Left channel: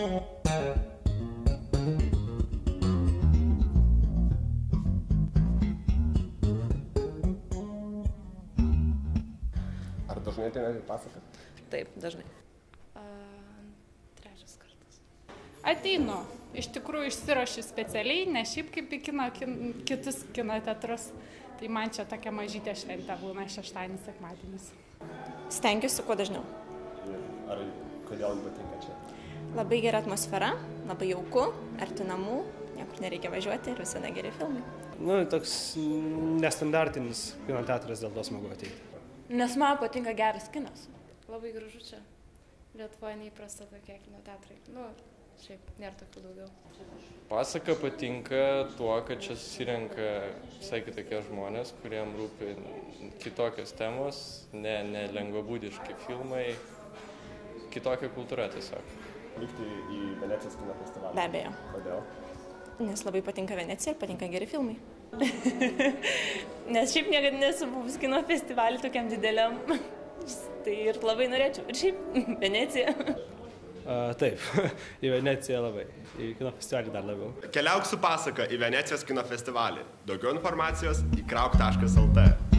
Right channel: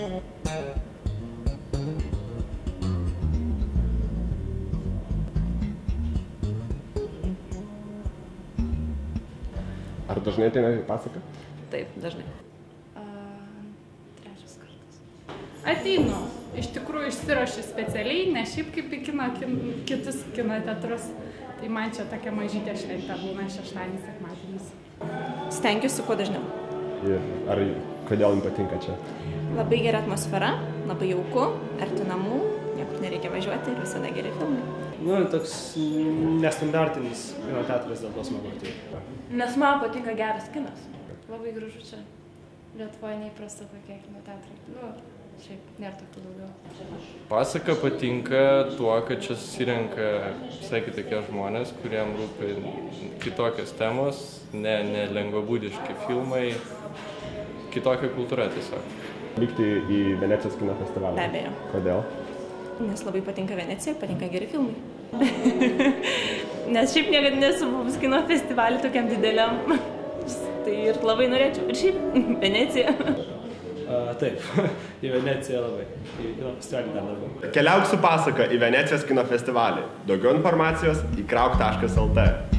Ar dažnai ateina į pasaką? Taip, dažnai. Trečias kartas. Ateinu. Iš tikrųjų išsiruošiu specialiai, ne šiaip kaip į kitus kino teatrus. Tai man čia tokia mažytė šventė būna šeštadienis, sekmadienis. Stengiuosi kuo dažniau. Ir kodėl jums patinka čia? Labai gera atmosfera, labai jauku, arti namų, niekur nereikia važiuoti ir visada geri filmai. Toks nestandartinis kino teatras, dėl to smagu ateiti. Nes man patinka geras kinas. Labai gražu čia. Lietuvoje neįprasta tokie kino teatrai. Šiaip nėra tokių daugiau. Pasaka patinka tuo, kad čia susirenka visai kitokie žmonės, kuriem rūpi kitokios temos, ne lengvabūdiški filmai, kitokia kultūra tiesiog. Vykti į Venecijos kino festivalį? Be abejo. Kodėl? Nes labai patinka Venecija, patinka geri filmai. Nes šiaip niekada nesu buvus kino festivalį tokiam dideliam. Tai ir labai norėčiau. Ir šiaip Venecija. Taip, į Veneciją labai. Į kino festivalį dar labiau. Keliauk su pasaka į Venecijos kino festivalį. Daugiau informacijos į krauk.lt.